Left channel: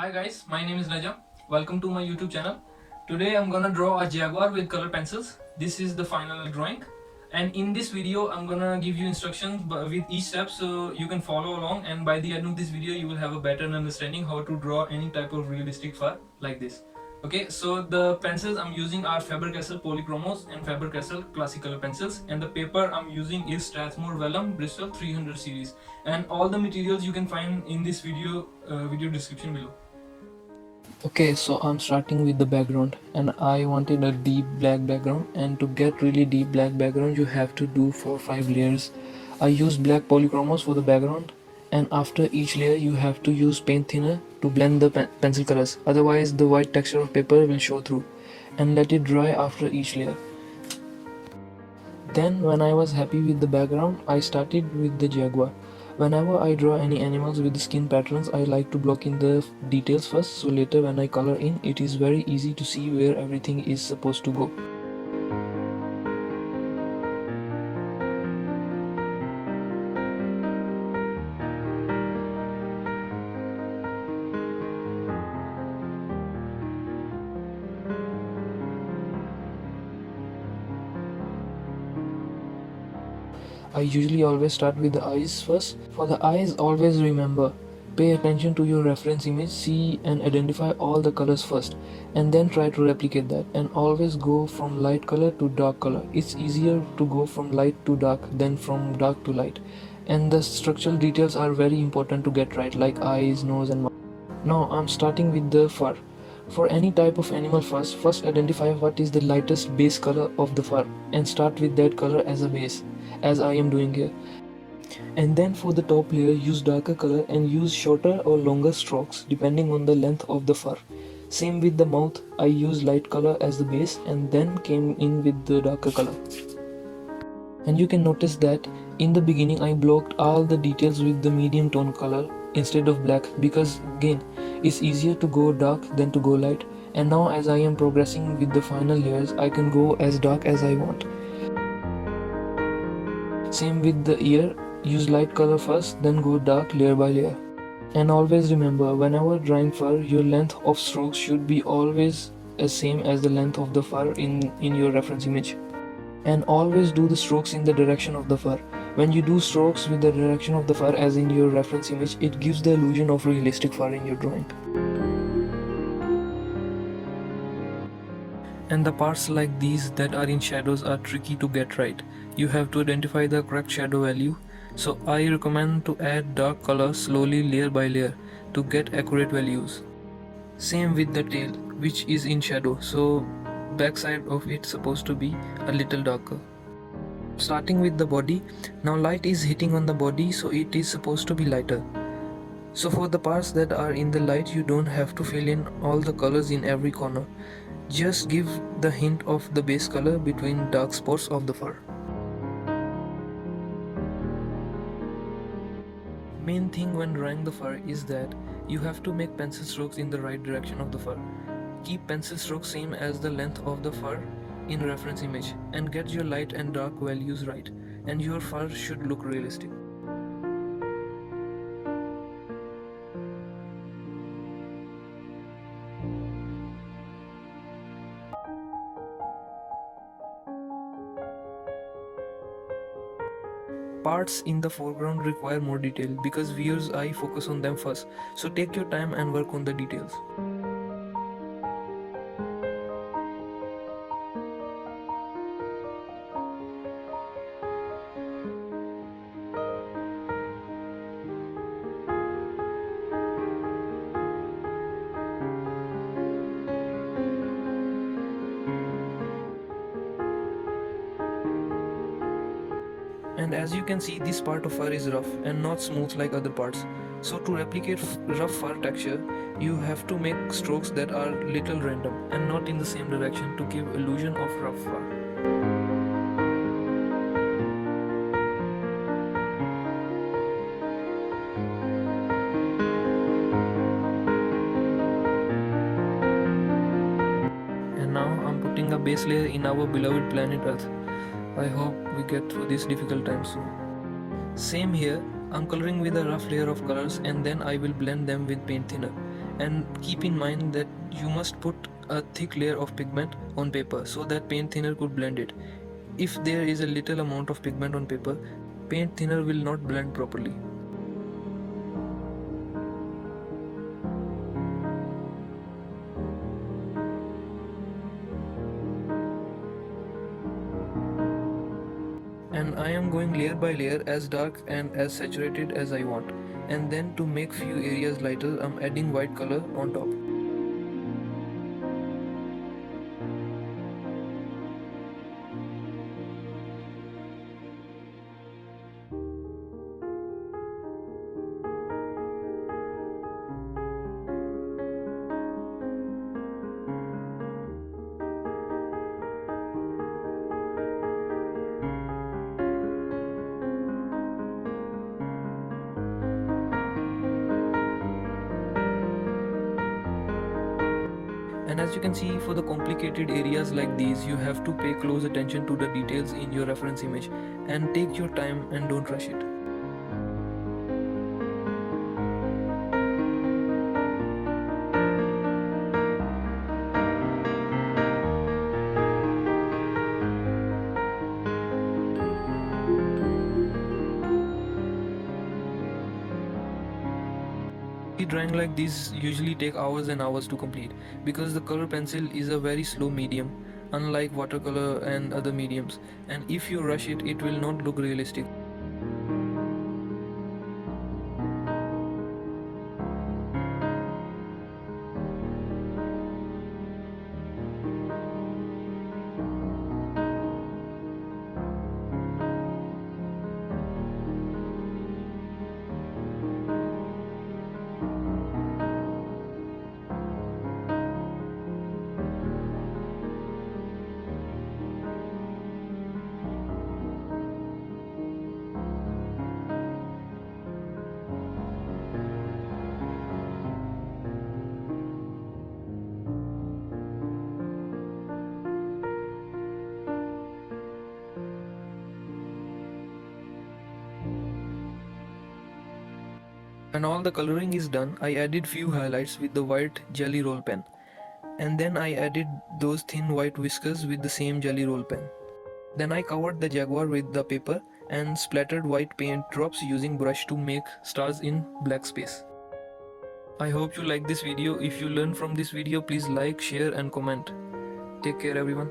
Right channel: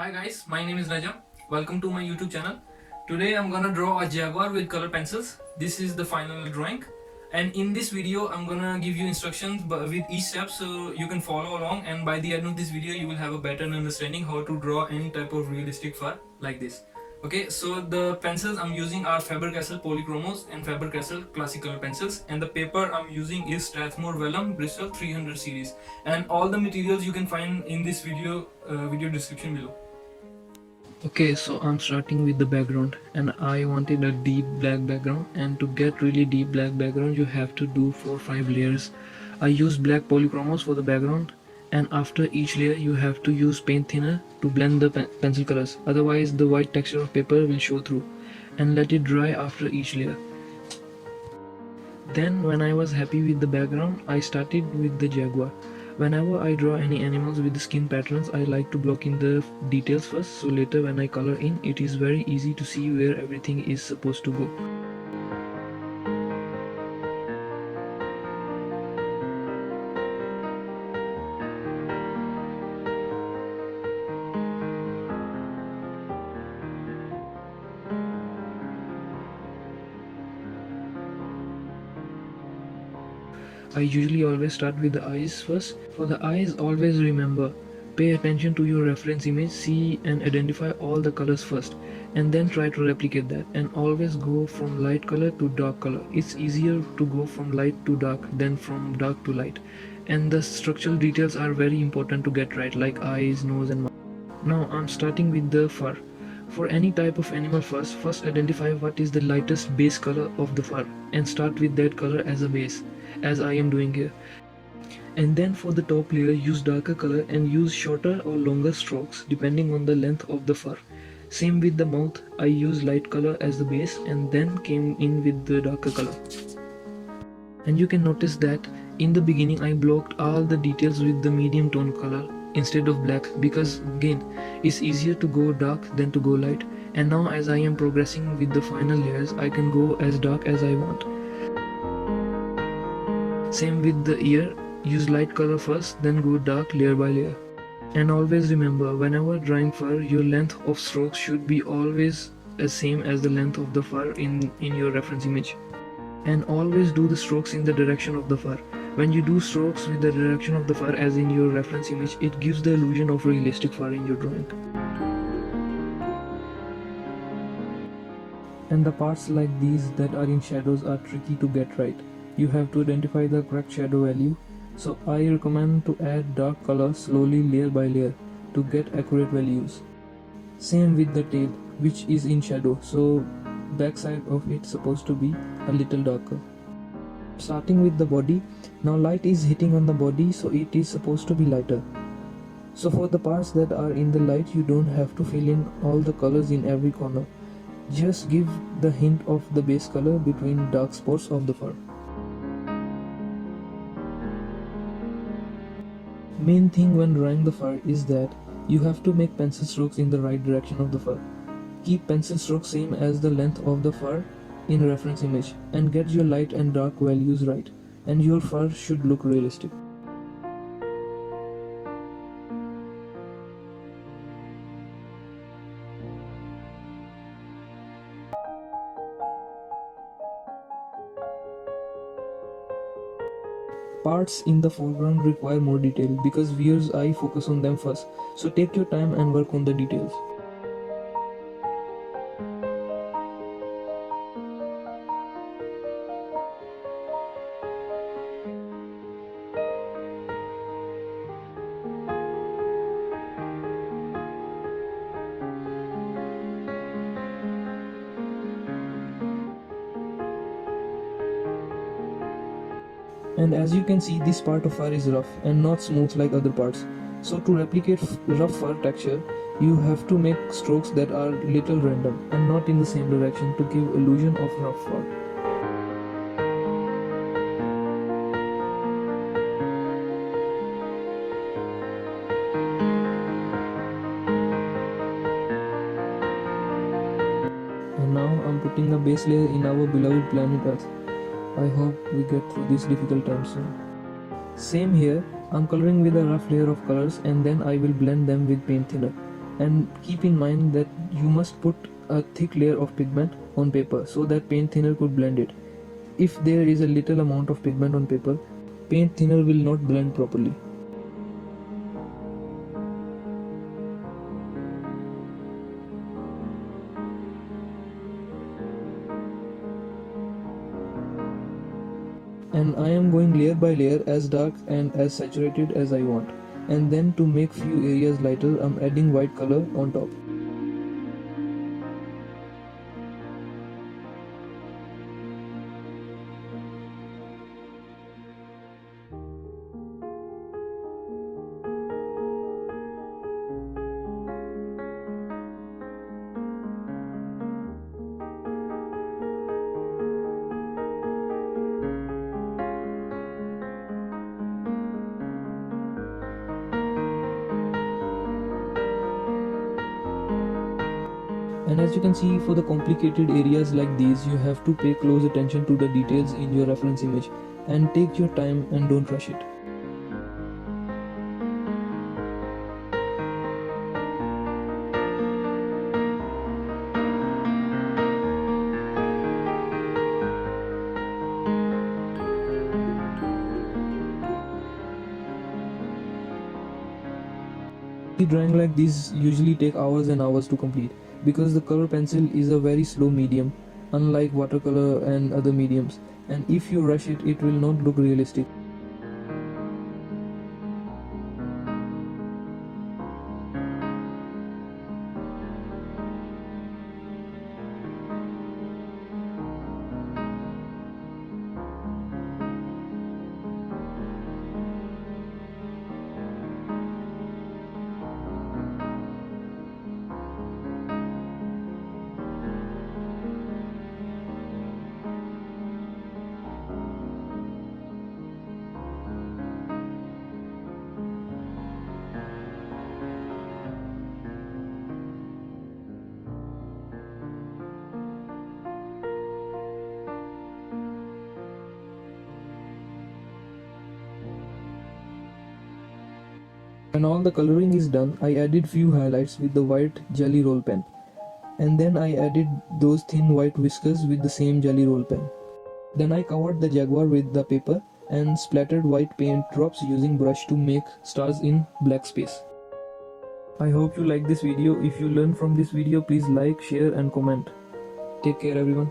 Hi guys, my name is Raja. Welcome to my YouTube channel. Today I'm gonna draw a jaguar with color pencils. This is the final drawing. And in this video, I'm gonna give you instructions with each step so you can follow along, and by the end of this video, you will have a better understanding how to draw any type of realistic fur like this. Okay, so the pencils I'm using are Faber Castel Polychromos and Faber Castel classical pencils, and the paper I'm using is Strathmore vellum Bristol 300 series. And all the materials you can find in this video description below. Okay, so I'm starting with the background, and I wanted a deep black background, and to get really deep black background you have to do 4 or 5 layers. I use black polychromos for the background, and after each layer you have to use paint thinner to blend the pencil colors, otherwise the white texture of paper will show through, and let it dry after each layer. Then when I was happy with the background, I started with the jaguar. Whenever I draw any animals with skin patterns, I like to block in the details first, so later when I color in, it is very easy to see where everything is supposed to go. I usually always start with the eyes first. For the eyes, always remember, pay attention to your reference image, see and identify all the colors first, and then try to replicate that, and always go from light color to dark color. It's easier to go from light to dark than from dark to light, and the structural details are very important to get right, like eyes, nose and mouth. Now I'm starting with the fur. For any type of animal first identify what is the lightest base color of the fur and start with that color as a base, as I am doing here. And then for the top layer, use darker color and use shorter or longer strokes depending on the length of the fur. Same with the mouth, I use light color as the base and then came in with the darker color. And you can notice that in the beginning I blocked all the details with the medium tone color instead of black, because again it's easier to go dark than to go light. And now as I am progressing with the final layers, I can go as dark as I want. Same with the ear, use light color first, then go dark layer by layer. And always remember, whenever drawing fur, your length of strokes should be always the same as the length of the fur in your reference image. And always do the strokes in the direction of the fur. When you do strokes with the direction of the fur as in your reference image, it gives the illusion of realistic fur in your drawing. And the parts like these that are in shadows are tricky to get right. You have to identify the correct shadow value, so I recommend to add dark color slowly layer by layer to get accurate values. Same with the tail, which is in shadow, so backside of it supposed to be a little darker. Starting with the body, now light is hitting on the body, so it is supposed to be lighter. So for the parts that are in the light, you don't have to fill in all the colors in every corner. Just give the hint of the base color between dark spots of the fur. Main thing when drawing the fur is that you have to make pencil strokes in the right direction of the fur. Keep pencil strokes same as the length of the fur in reference image, and get your light and dark values right, and your fur should look realistic. Parts in the foreground require more detail because viewer's eye focus on them first, so take your time and work on the details. And as you can see, this part of fur is rough and not smooth like other parts. So to replicate rough fur texture, you have to make strokes that are little random and not in the same direction to give illusion of rough fur. And now I'm putting a base layer in our beloved planet Earth. I hope we get through this difficult time soon. Same here, I'm coloring with a rough layer of colors and then I will blend them with paint thinner. And keep in mind that you must put a thick layer of pigment on paper so that paint thinner could blend it. If there is a little amount of pigment on paper, paint thinner will not blend properly. And I am going layer by layer, as dark and as saturated as I want. And then to make few areas lighter, I'm adding white color on top. And as you can see, for the complicated areas like these, you have to pay close attention to the details in your reference image and take your time and don't rush it. Drawing like this usually take hours and hours to complete because the color pencil is a very slow medium, unlike watercolor and other mediums, and if you rush it, it will not look realistic. When all the coloring is done, I added few highlights with the white jelly roll pen. And then I added those thin white whiskers with the same jelly roll pen. Then I covered the Jaguar with the paper and splattered white paint drops using brush to make stars in black space. I hope you like this video. If you learned from this video, please like, share and comment. Take care everyone.